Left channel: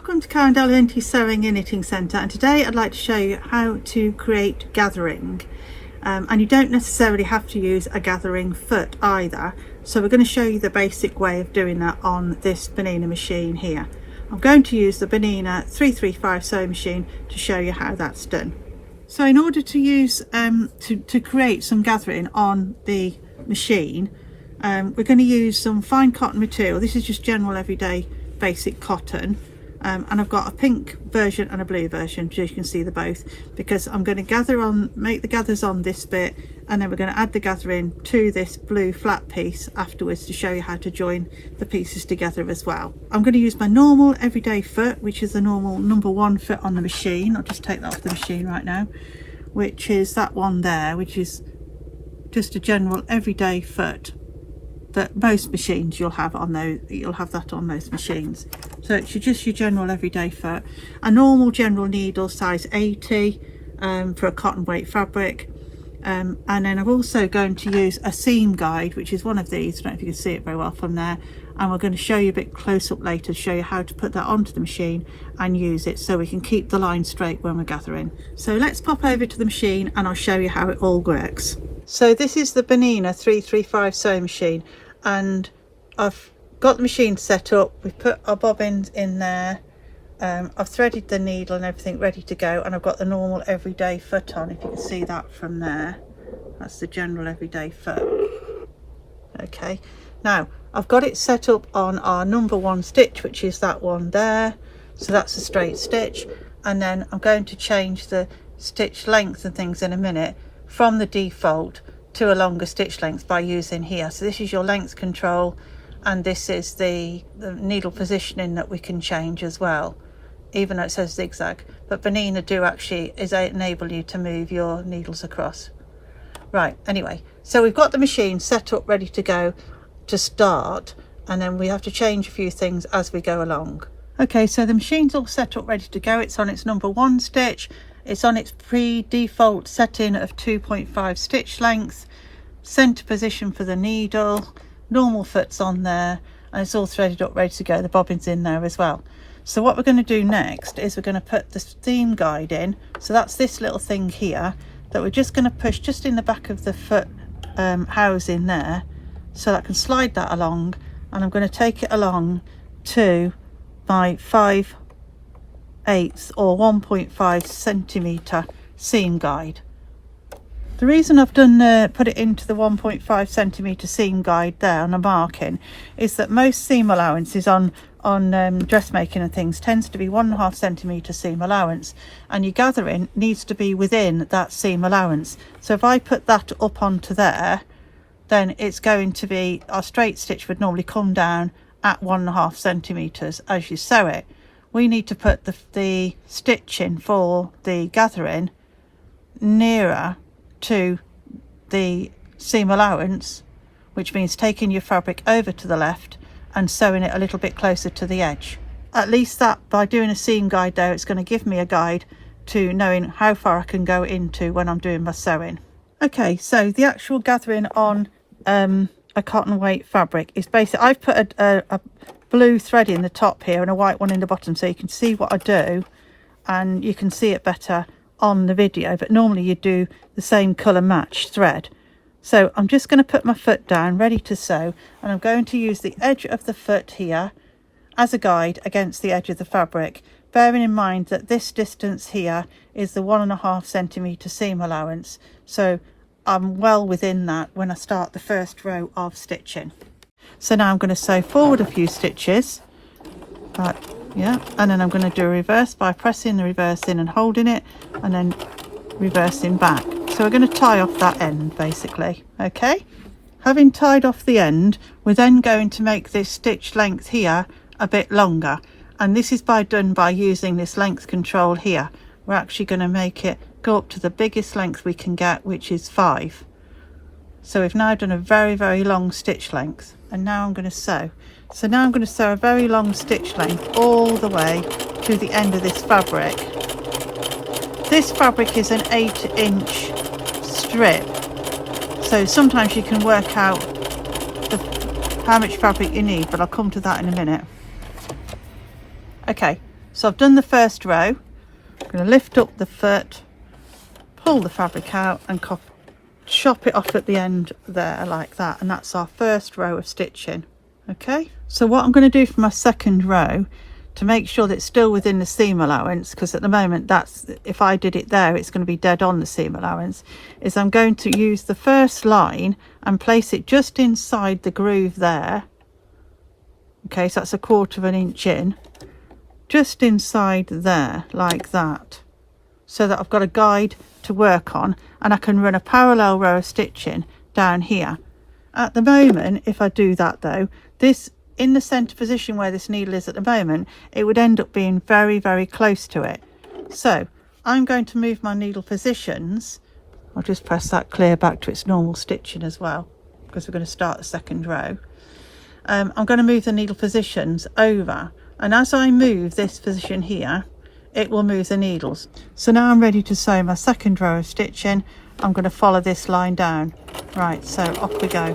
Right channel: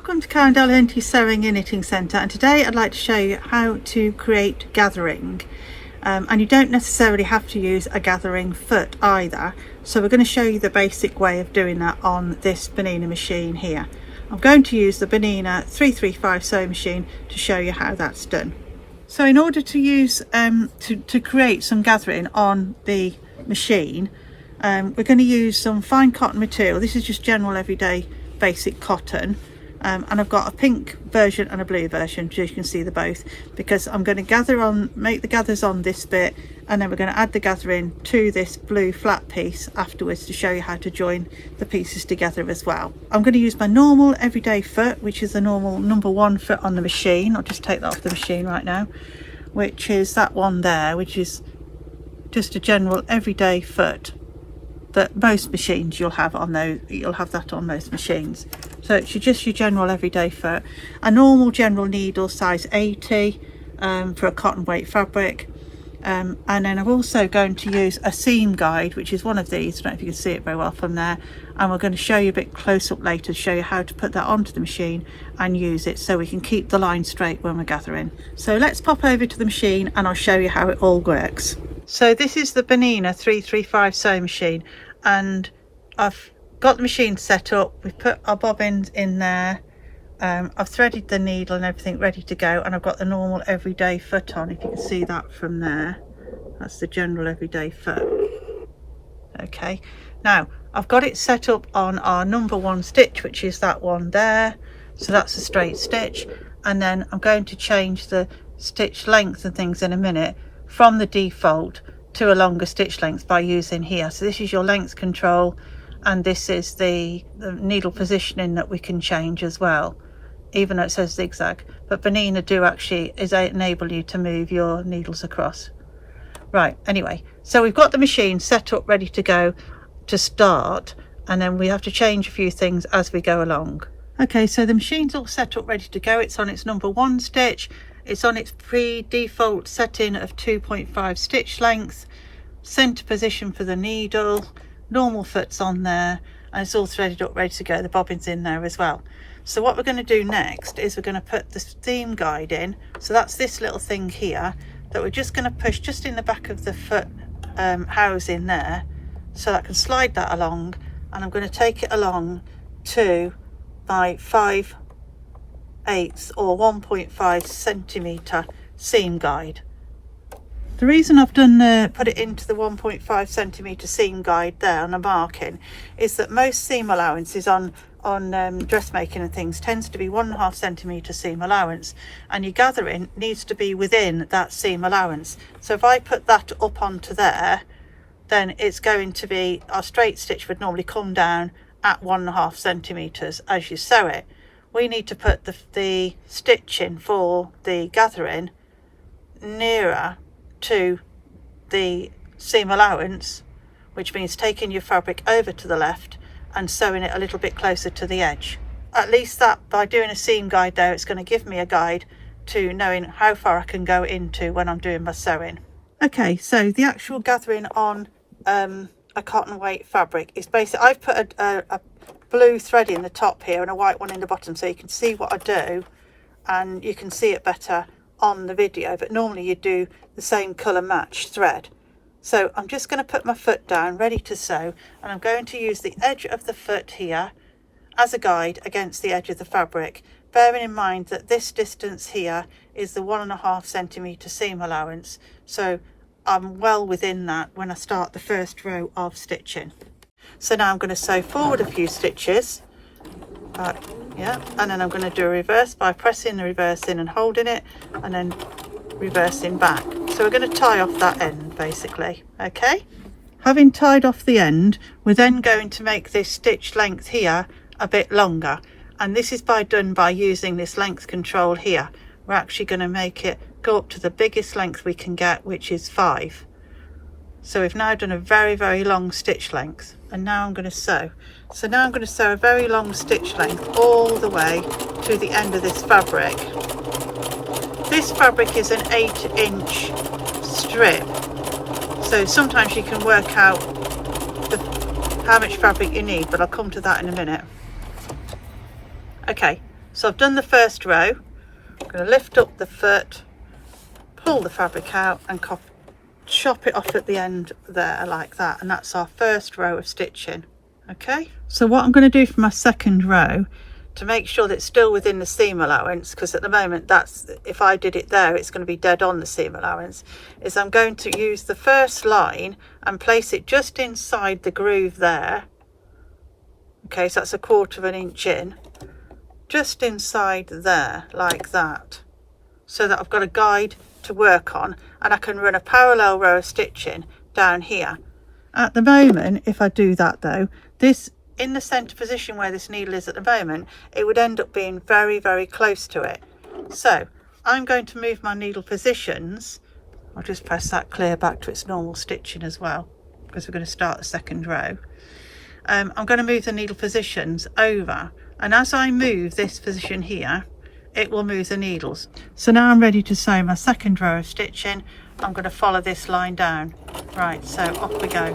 Welcome to Karen Delahanty's Sewing and Knitting Centre, and today I'd like to show you how to gathering. And you don't necessarily have to use a gathering foot either, so we're going to show you the basic way of doing that on this Bernina machine here. I'm going to use the Bernina 335 sewing machine to show you how that's done. So in order to use to create some gathering on the machine, we're going to use some fine cotton material. This is just general everyday basic cotton, and I've got a pink version and a blue version, so you can see the both, because I'm going to make the gathers on this bit, and then we're going to add the gathering to this blue flat piece afterwards to show you how to join the pieces together as well. I'm going to use my normal everyday foot, which is the normal #1 foot on the machine. I'll just take that off the machine right now, which is that one there, which is just a general everyday foot that most machines you'll have that on most machines. So it's just your general everyday foot. A normal general needle size 80 for a cotton weight fabric, and then I'm also going to use a seam guide, which is one of these. I don't know if you can see it very well from there, and we're going to show you a bit close up later to show you how to put that onto the machine and use it so we can keep the line straight when we're gathering. So let's pop over to the machine and I'll show you how it all works. So this is the Bernina 335 sewing machine, and I've got the machine set up. We've put our bobbins in there, I've threaded the needle and everything ready to go, and I've got the normal everyday foot on, if you can see that from there. That's the general everyday foot. Okay, now I've got it set up on our #1 stitch, which is that one there, so that's a straight stitch, and then I'm going to change the stitch length and things in a minute from the default to a longer stitch length by using here. So this is your length control, and this is the needle positioning that we can change as well, even though it says zigzag, but Bernina do actually enable you to move your needles across. Right, anyway, so we've got the machine set up ready to go to start, and then we have to change a few things as we go along. Okay, so the machine's all set up ready to go. It's on its #1 stitch. It's on its pre-default setting of 2.5 stitch length, center position for the needle, normal foot's on there, and it's all threaded up ready to go. The bobbin's in there as well. So what we're going to do next is we're going to put the seam guide in. So that's this little thing here that we're just going to push just in the back of the foot housing there, so that I can slide that along, and I'm going to take it along to my 5/8 or 1.5 centimeter seam guide. The reason I've put it into the 1.5 centimeter seam guide there on a marking is that most seam allowances on dressmaking and things tends to be 1.5 centimeter seam allowance, and your gathering needs to be within that seam allowance. So if I put that up onto there, then it's going to be, our straight stitch would normally come down at 1.5 centimeters as you sew it. We need to put the stitching for the gathering nearer to the seam allowance, which means taking your fabric over to the left and sewing it a little bit closer to the edge. At least that, by doing a seam guide there, it's going to give me a guide to knowing how far I can go into when I'm doing my sewing. Okay, so the actual gathering on a cotton weight fabric is basic. I've put a blue thread in the top here and a white one in the bottom, so you can see what I do, and you can see it better on the video, but normally you do the same colour match thread. So I'm just going to put my foot down ready to sew, and I'm going to use the edge of the foot here as a guide against the edge of the fabric, bearing in mind that this distance here is the 1.5 centimeter seam allowance, so I'm well within that when I start the first row of stitching. So now I'm going to sew forward a few stitches, right, yeah, and then I'm going to do a reverse by pressing the reverse in and holding it, and then reversing back. So we're going to tie off that end basically. Okay, having tied off the end, we're then going to make this stitch length here a bit longer, and this is done by using this length control here. We're actually going to make it go up to the biggest length we can get, which is 5. So we've now done a very, very long stitch length, and now I'm going to sew. So now I'm going to sew a very long stitch length all the way to the end of this fabric. This fabric is an 8-inch strip, so sometimes you can work out how much fabric you need, but I'll come to that in a minute. Okay, So I've done the first row. I'm going to lift up the foot, pull the fabric out and chop it off at the end there like that, and that's our first row of stitching. Okay, so what I'm going to do for my second row to make sure that it's still within the seam allowance, because at the moment that's, if I did it there it's going to be dead on the seam allowance, is I'm going to use the first line and place it just inside the groove there. Okay, so that's 1/4 inch in, just inside there like that, so that I've got a guide to work on and I can run a parallel row of stitching down here. At the moment, if I do that though, this in the center position where this needle is at the moment, it would end up being very, very close to it. So I'm going to move my needle positions. I'll just press that clear back to its normal stitching as well, because we're going to start the second row. I'm going to move the needle positions over, and as I move this position here, it will move the needles. So now I'm ready to sew my second row of stitching. I'm going to follow this line down. Right, so off we go.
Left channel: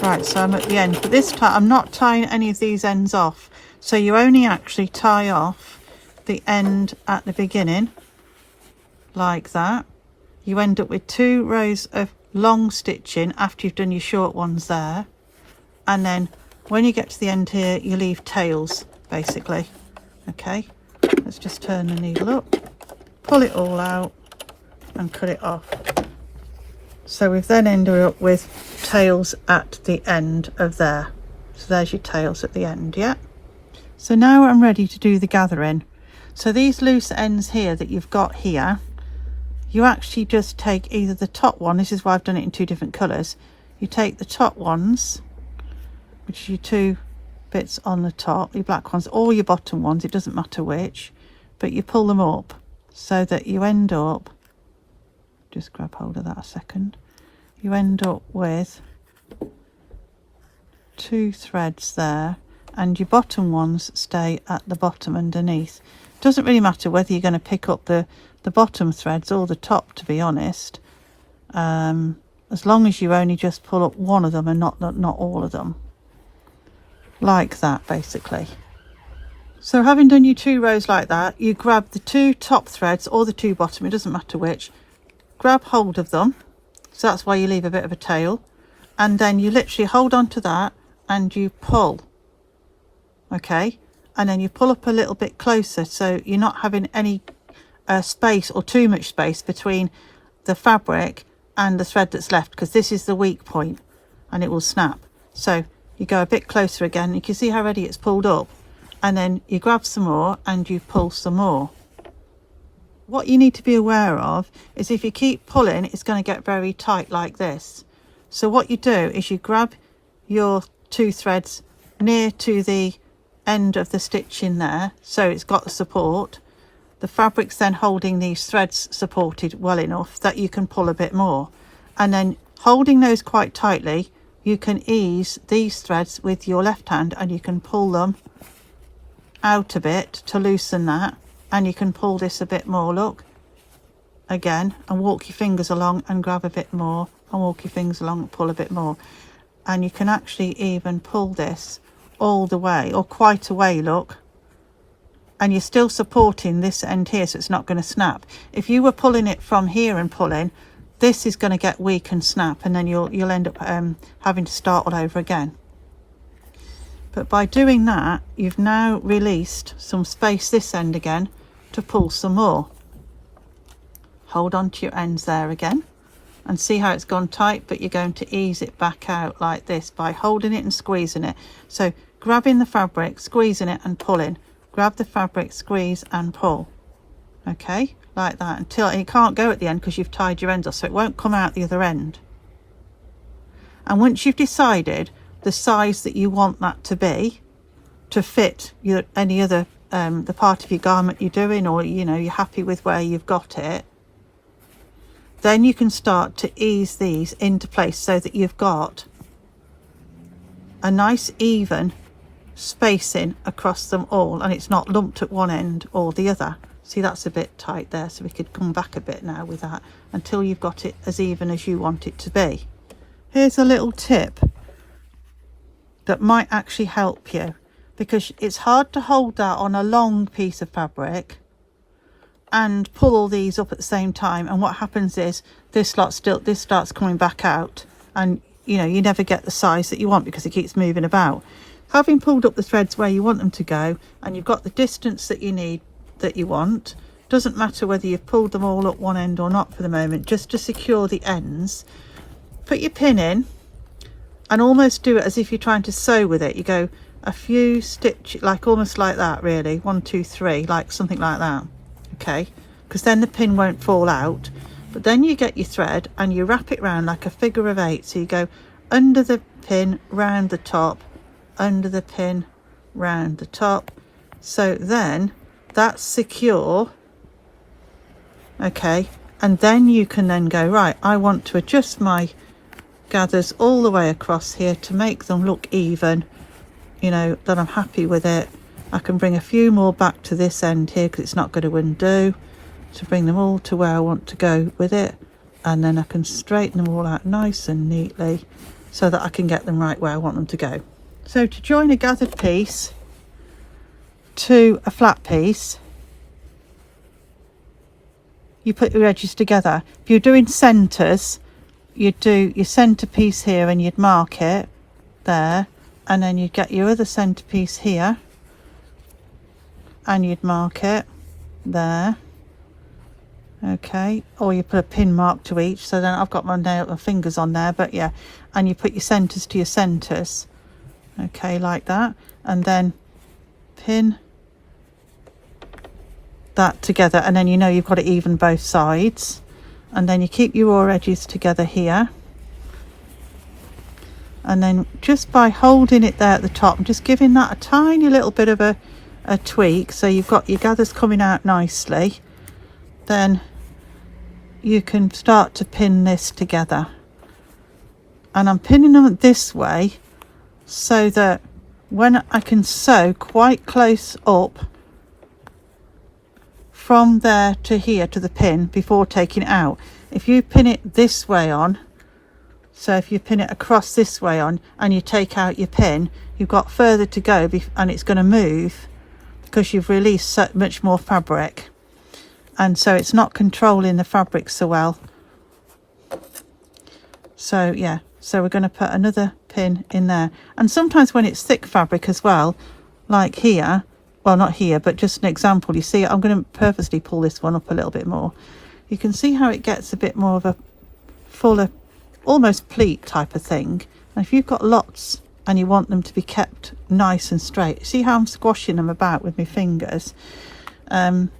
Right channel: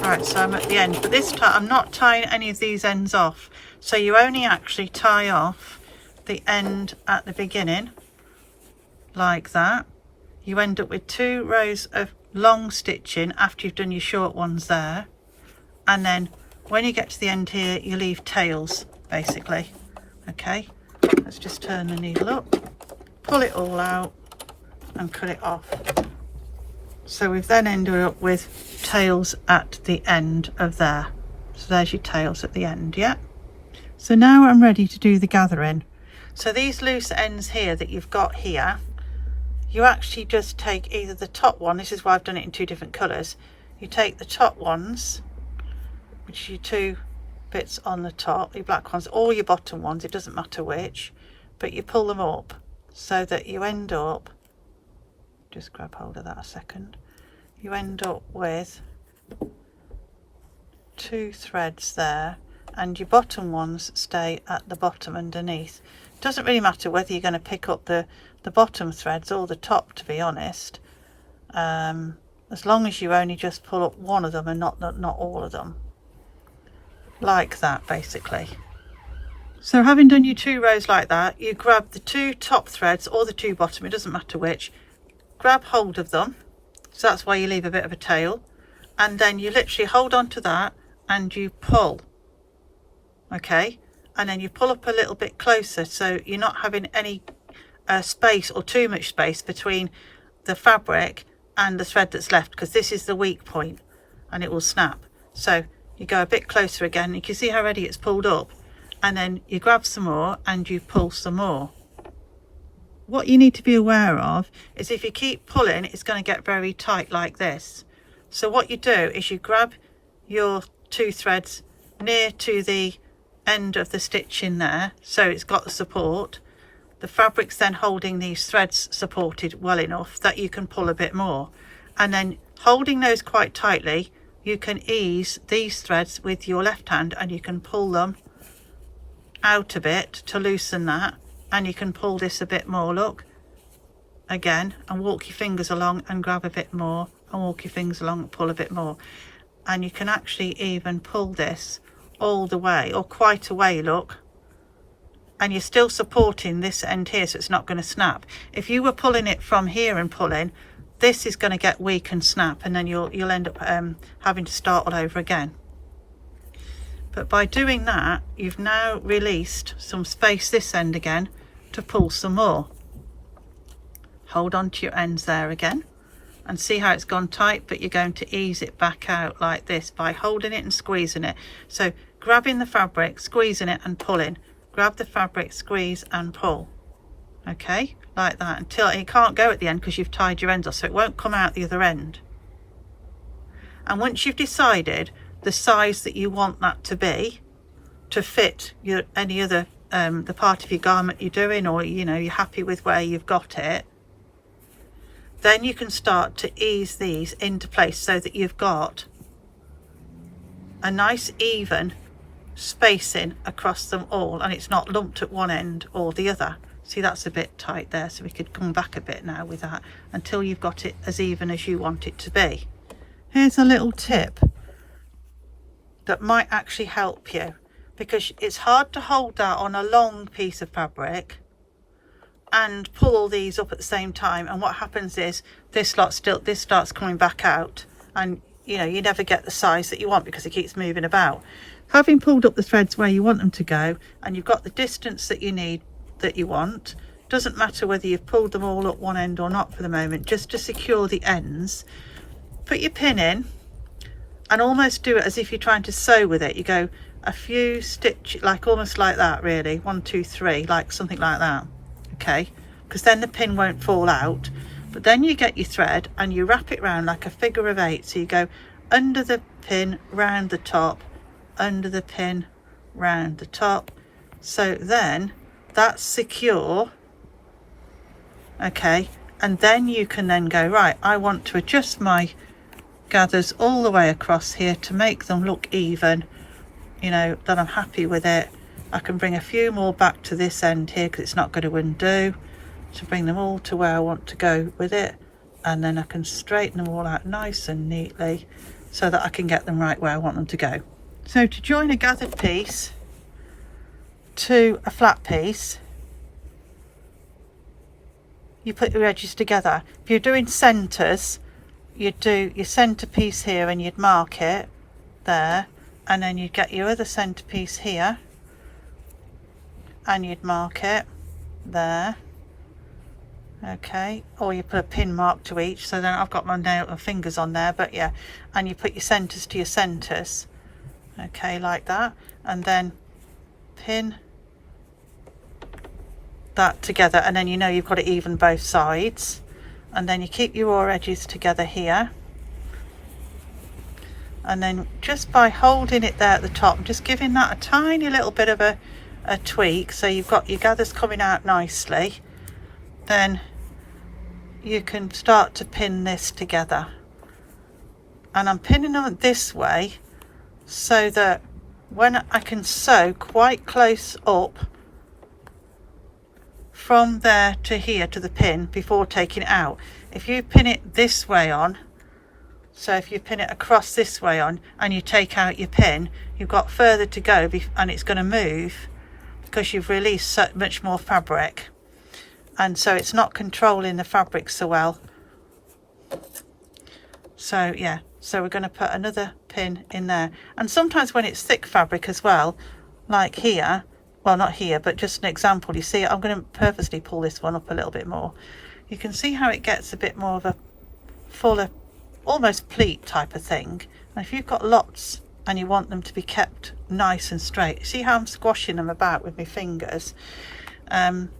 Right, so I'm at the end, but this time I'm not tying any of these ends off, so you only actually tie off the end at the beginning like that. You end up with 2 rows of long stitching after you've done your short ones there, and then when you get to the end here you leave tails basically. Okay, let's just turn the needle up, pull it all out and cut it off. So we've then ended up with tails at the end of there. So there's your tails at the end, yeah? So now I'm ready to do the gathering. So these loose ends here that you've got here, you actually just take either the top one, this is why I've done it in 2 different colours. You take the top ones, which are your 2 bits on the top, your black ones, or your bottom ones, it doesn't matter which, but you pull them up so that you end up, just grab hold of that a second, you end up with 2 threads there, and your bottom ones stay at the bottom underneath. It doesn't really matter whether you're going to pick up the bottom threads or the top, to be honest, as long as you only just pull up one of them and not all of them, like that basically. So having done your 2 rows like that, you grab the 2 top threads or the 2 bottom, it doesn't matter which, grab hold of them, so that's why you leave a bit of a tail, and then you literally hold on to that and you pull. Okay, and then you pull up a little bit closer so you're not having any space or too much space between the fabric and the thread that's left, because this is the weak point and it will snap. So you go a bit closer again, you can see how ready it's pulled up, and then you grab some more and you pull some more. What you need to be aware of is if you keep pulling, it's going to get very tight like this. So what you do is you grab your 2 threads near to the end of the stitch in there, so it's got the support. The fabric's then holding these threads supported well enough that you can pull a bit more, and then holding those quite tightly you can ease these threads with your left hand and you can pull them out a bit to loosen that, and you can pull this a bit more, look, again, and walk your fingers along and grab a bit more and walk your fingers along and pull a bit more, and you can actually even pull this all the way or quite a way, look, and you're still supporting this end here so it's not going to snap. If you were pulling it from here and pulling, this is going to get weak and snap, and then you'll end up having to start all over again. But by doing that, you've now released some space this end again to pull some more. Hold on to your ends there again and see how it's gone tight, but you're going to ease it back out like this by holding it and squeezing it. So grabbing the fabric, squeezing it and pulling, grab the fabric, squeeze and pull. Okay, like that, until you can't go at the end because you've tied your ends off, so it won't come out the other end. And once you've decided the size that you want that to be to fit your any other the part of your garment you're doing, or you know you're happy with where you've got it, then you can start to ease these into place so that you've got a nice even spacing across them all and it's not lumped at one end or the other. See, that's a bit tight there, so we could come back a bit now with that until you've got it as even as you want it to be. Here's a little tip that might actually help you, because it's hard to hold that on a long piece of fabric and pull all these up at the same time, and what happens is this starts coming back out, and you know, you never get the size that you want because it keeps moving about. Having pulled up the threads where you want them to go, and you've got the distance that you need, that you want, doesn't matter whether you've pulled them all up one end or not for the moment, just to secure the ends, put your pin in and almost do it as if you're trying to sew with it. You go a few stitches, like almost like that, really, 1 2 3, like something like that, okay, because then the pin won't fall out. But then you get your thread and you wrap it round like a figure of 8, so you go under the pin, round the top, under the pin, round the top, so then that's secure, okay. And then you can then go, right, I want to adjust my gathers all the way across here to make them look even, you know, that I'm happy with it. I can bring a few more back to this end here because it's not going to undo, to bring them all to where I want to go with it, and then I can straighten them all out nice and neatly so that I can get them right where I want them to go. So to join a gathered piece to a flat piece, you put your edges together. If you're doing centres, you'd do your centre piece here and you'd mark it there, and then you'd get your other centre piece here and you'd mark it there, okay, or you put a pin mark to each, so then I've got my fingers on there, but yeah, and you put your centres to your centres, okay, like that, and then pin that together, and then you know you've got it even both sides, and then you keep your raw edges together here, and then just by holding it there at the top, just giving that a tiny little bit of a tweak, so you've got your gathers coming out nicely, then you can start to pin this together. And I'm pinning them this way so that when I can sew quite close up from there to here to the pin before taking it out. If you pin it this way on, so if you pin it across this way on and you take out your pin, you've got further to go and it's going to move because you've released so much more fabric, and so it's not controlling the fabric so well. So yeah, so we're going to put another pin in there, and sometimes when it's thick fabric as well, like here, well not here but just an example, you see I'm going to purposely pull this one up a little bit more. You can see how it gets a bit more of a fuller, almost pleat type of thing, and if you've got lots and you want them to be kept nice and straight, see how I'm squashing them about with my fingers. I'm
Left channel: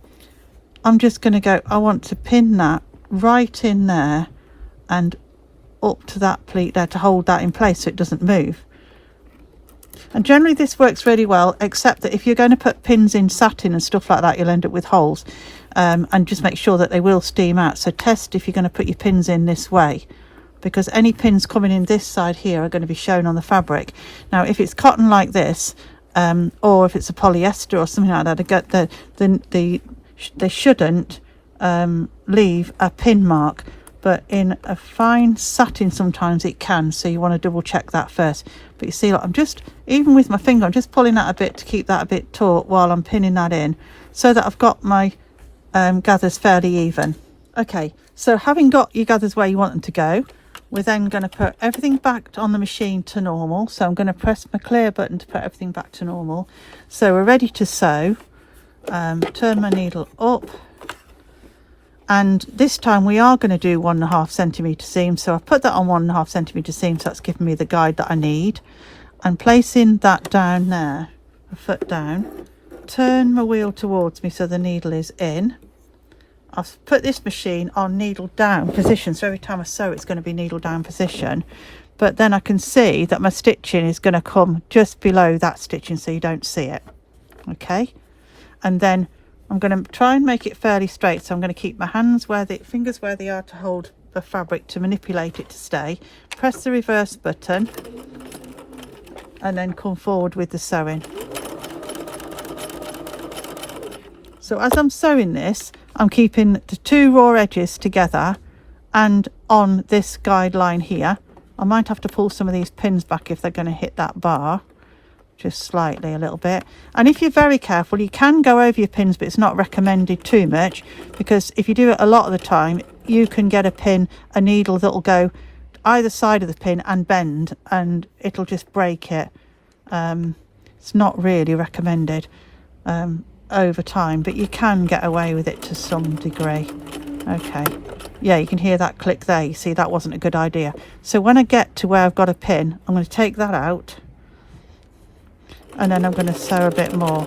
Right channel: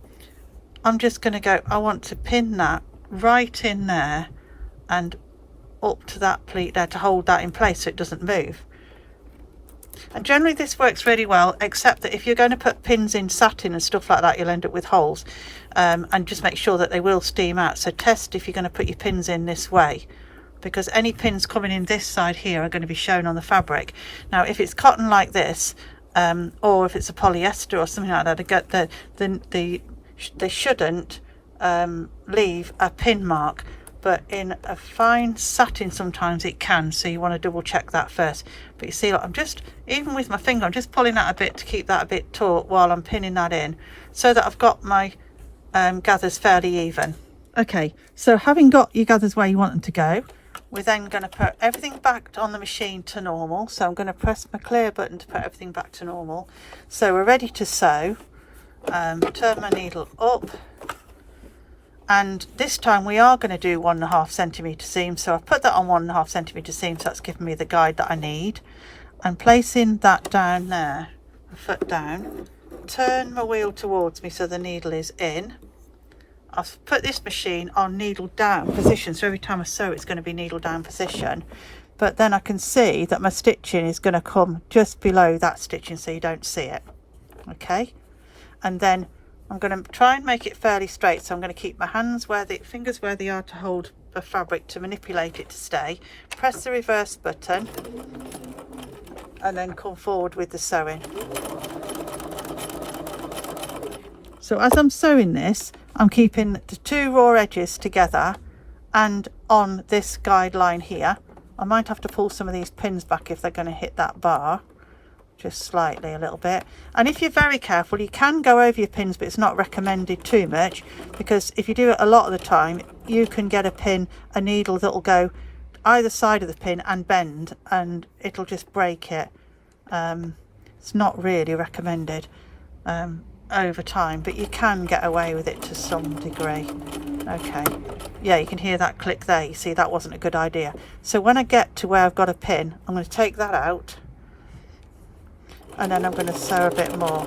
just going to go, I want to pin that right in there and up to that pleat there to hold that in place so it doesn't move. And generally this works really well, except that if you're going to put pins in satin and stuff like that, you'll end up with holes, and just make sure that they will steam out. So test if you're going to put your pins in this way, because any pins coming in this side here are going to be shown on the fabric. Now if it's cotton like this, or if it's a polyester or something like that, they shouldn't leave a pin mark, but in a fine satin sometimes it can, so you want to double check that first. But you see, like, I'm just, even with my finger, I'm just pulling that a bit to keep that a bit taut while I'm pinning that in, so that I've got my gathers fairly even. Okay, so having got your gathers where you want them to go, we're then going to put everything back on the machine to normal. So I'm going to press my clear button to put everything back to normal. So we're ready to sew. Turn my needle up, and this time we are going to do 1.5 centimetre seam, so I've put that on 1.5 centimetre seam, so that's giving me the guide that I need. And placing that down there, the foot down, turn my wheel towards me so the needle is in. I've put this machine on needle down position, so every time I sew it's going to be needle down position, but then I can see that my stitching is going to come just below that stitching so you don't see it, okay. And then I'm going to try and make it fairly straight, so I'm going to keep my hands where the fingers where they are to hold the fabric to manipulate it to stay. Press the reverse button and then come forward with the sewing. So as I'm sewing this, I'm keeping the two raw edges together and on this guideline here. I might have to pull some of these pins back if they're going to hit that bar, just slightly, a little bit. And if you're very careful, you can go over your pins, but it's not recommended too much, because if you do it a lot of the time, you can get a needle that'll go either side of the pin and bend, and it'll just break it. It's not really recommended over time, but you can get away with it to some degree. Okay, yeah, you can hear that click there. You see, that wasn't a good idea. So when I get to where I've got a pin, I'm going to take that out, and then I'm going to sew a bit more.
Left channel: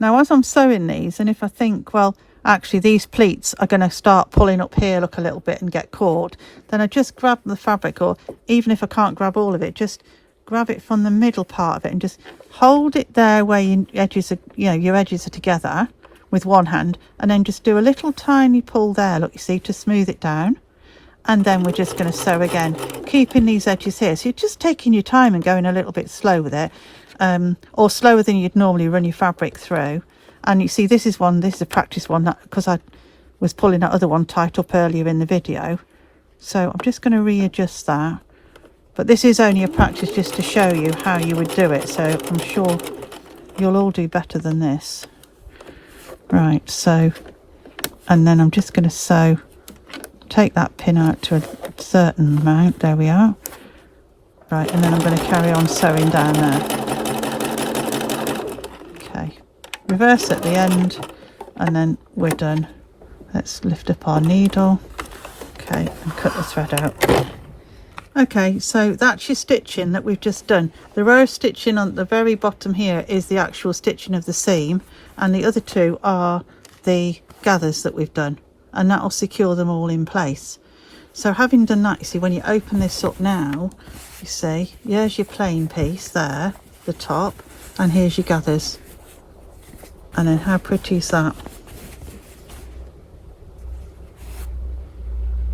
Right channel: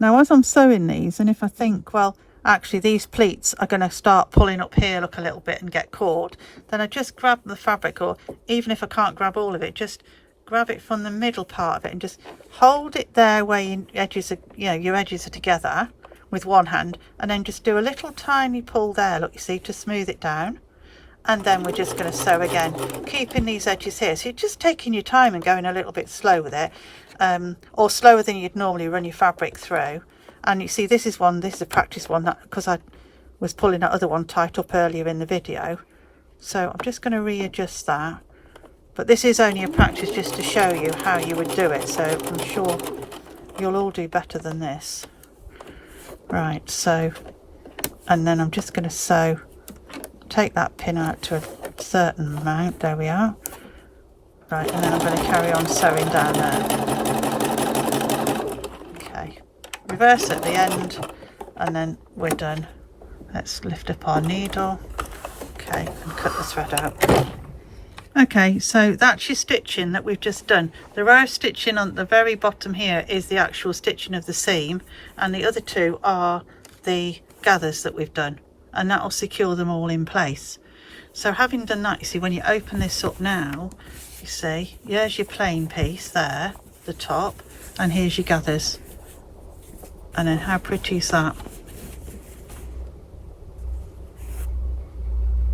Now as I'm sewing these, and if I think, well, actually these pleats are going to start pulling up here, look a little bit, and get caught, then I just grab the fabric, or even if I can't grab all of it, just grab it from the middle part of it and just hold it there where your edges are, your edges are together with one hand, and then just do a little tiny pull there, look, you see, to smooth it down. And then we're just going to sew again, keeping these edges here. So you're just taking your time and going a little bit slow with it, or slower than you'd normally run your fabric through. And you see, this is a practice one, because I was pulling that other one tight up earlier in the video. So I'm just going to readjust that. But this is only a practice just to show you how you would do it. So I'm sure you'll all do better than this. Right, so, and then I'm just going to sew, take that pin out to a certain amount. There we are. Right, and then I'm going to carry on sewing down there. Okay, reverse at the end, and then we're done. Let's lift up our needle. Okay, and cut the thread out. Okay, so that's your stitching that we've just done. The row stitching on the very bottom here is the actual stitching of the seam, and the other two are the gathers that we've done, and that will secure them all in place. So having done that, you see, when you open this up now, you see, here's your plain piece there, the top, and here's your gathers. And then how pretty is that?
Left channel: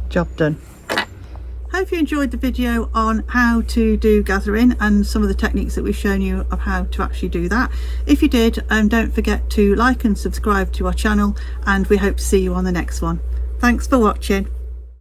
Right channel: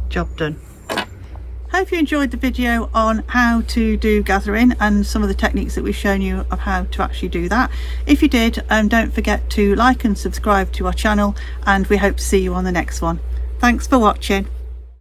Job done. Hope you enjoyed the video on how to do gathering and some of the techniques that we've shown you of how to actually do that. If you did, don't forget to like and subscribe to our channel, and we hope to see you on the next one. Thanks for watching.